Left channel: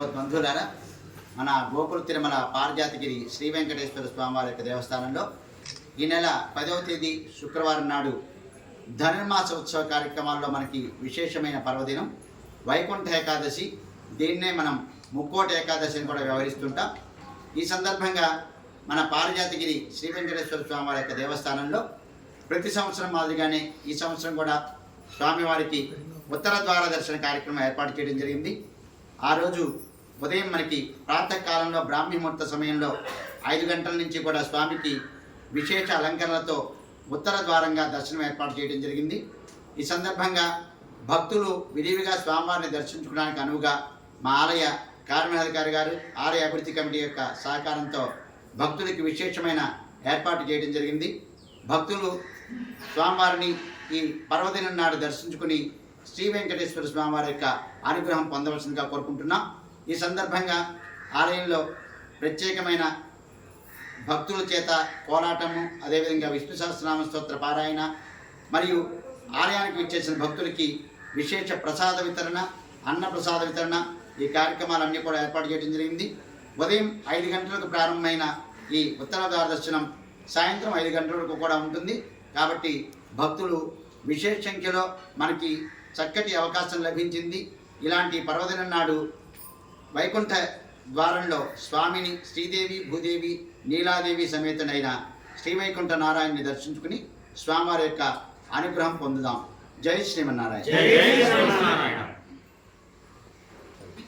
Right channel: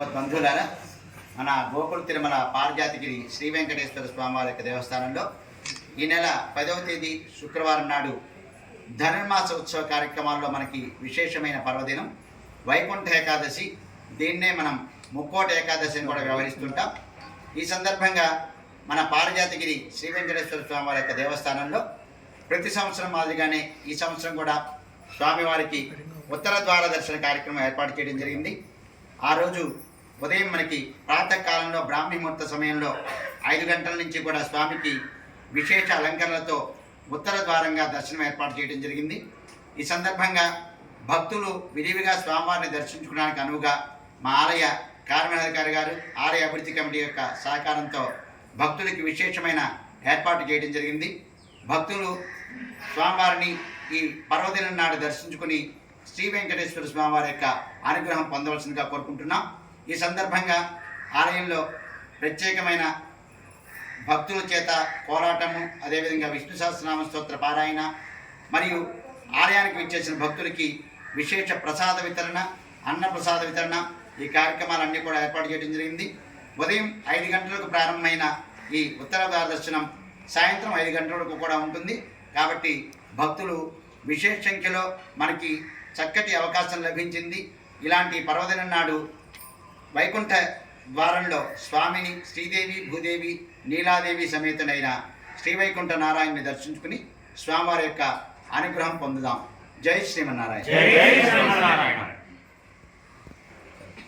బంధువులారా మన గోకుల తిరుమల పారిజాతగిరి శ్రీ వెంకటేశ్వర స్వామివారి యొక్క దేవస్థానంలో ఈ నెల పదవ తేదీ శుక్రవారం నాడు ధనుర్మాస ఉత్సవ కార్యక్రమాల్లో మనకి విశేషమైన పర్వదినం. వైకుంఠ ఏకాదశి దీన్నే మనం ముక్కోట ఏకాదశిని కూడా వ్యవహరిస్తుంటాం. ఈ సందర్భంగా మన పారిజాతగిరి శ్రీ వెంకటేశ్వర స్వామివారి యొక్క దేవస్థానంలో ప్రతి సంవత్సరం మాదిరిగానే ఈ సంవత్సరం కూడా స్వామివారికి ఉత్తర ద్వార దర్శన కార్యక్రమం ఏర్పాటు చేయడం జరిగింది. ఆ రోజు ఉదయం మనకి ప్రాతకాలంలో బ్రాహ్మీ ముహూర్త సమయంలో ఐదు గంటల నుంచి కూడా స్వామికి విశేష అలంకరణలతో ఉత్తర ద్వారంగా దర్శనం ఏర్పాటు చేయడం జరిగింది. ఈ సందర్భంగా భక్తులు విరివిగా స్వామివారిని దర్శించుకోవడానికి అనువుగా మా ఆలయ కార్యనిర్వహణాధికారి గారు ఆలయ అభివృద్ధి కమిటీ యొక్క సహకారంతో భక్తులకి విశేషమైన ఏర్పాటు చేయడం జరిగింది. భక్తులు స్వామివారిని ఈ పర్వదినం నాడు దర్శించుకుని శ్రీ వెంకటేశ్వర స్వామివారి యొక్క అనుగ్రహం పొందవలసిందిగా కోరుకుంటున్నాం. ఈ సందర్భంగా ఆలయంలో ప్రత్యేకమైన భక్తుల చేత కోలాటము అదేవిధంగా విష్ణు సహస్రనామ స్తోత్ర పారాయణ మరియు ఆలయానికి విచ్చేసిన భక్తులకి విశేష ప్రసాద వితరణ అన్న ప్రసాద వితరణ ఈ కార్యక్రమాలన్నీ కూడా ఏర్పాటు చేయడం జరిగింది. ఉదయం ఐదు గంటలకు ప్రారంభమైన ఈ ఉత్తర ద్వార దర్శనం సాయంత్రం ఐదు గంటల వరకు కూడా ఉంటుంది. కాబట్టి భక్తులు విశేష సంఖ్యలో మనకి చక్కటి అవకాశం లభించింది. ఇలాంటి పర్వదినం నాడు వైకుంఠ ద్వారంలో స్వామిని శ్రీదేవి భూదేవి నీలాదేవి సమేతనైన శ్రీవైకుంఠ నారాయణని దర్శించుకుని స్వామివారి యొక్క అనుగ్రహం పొందుదాం. జై శ్రీమన్నారాయణ. జై శ్రీమన్నారాయణ.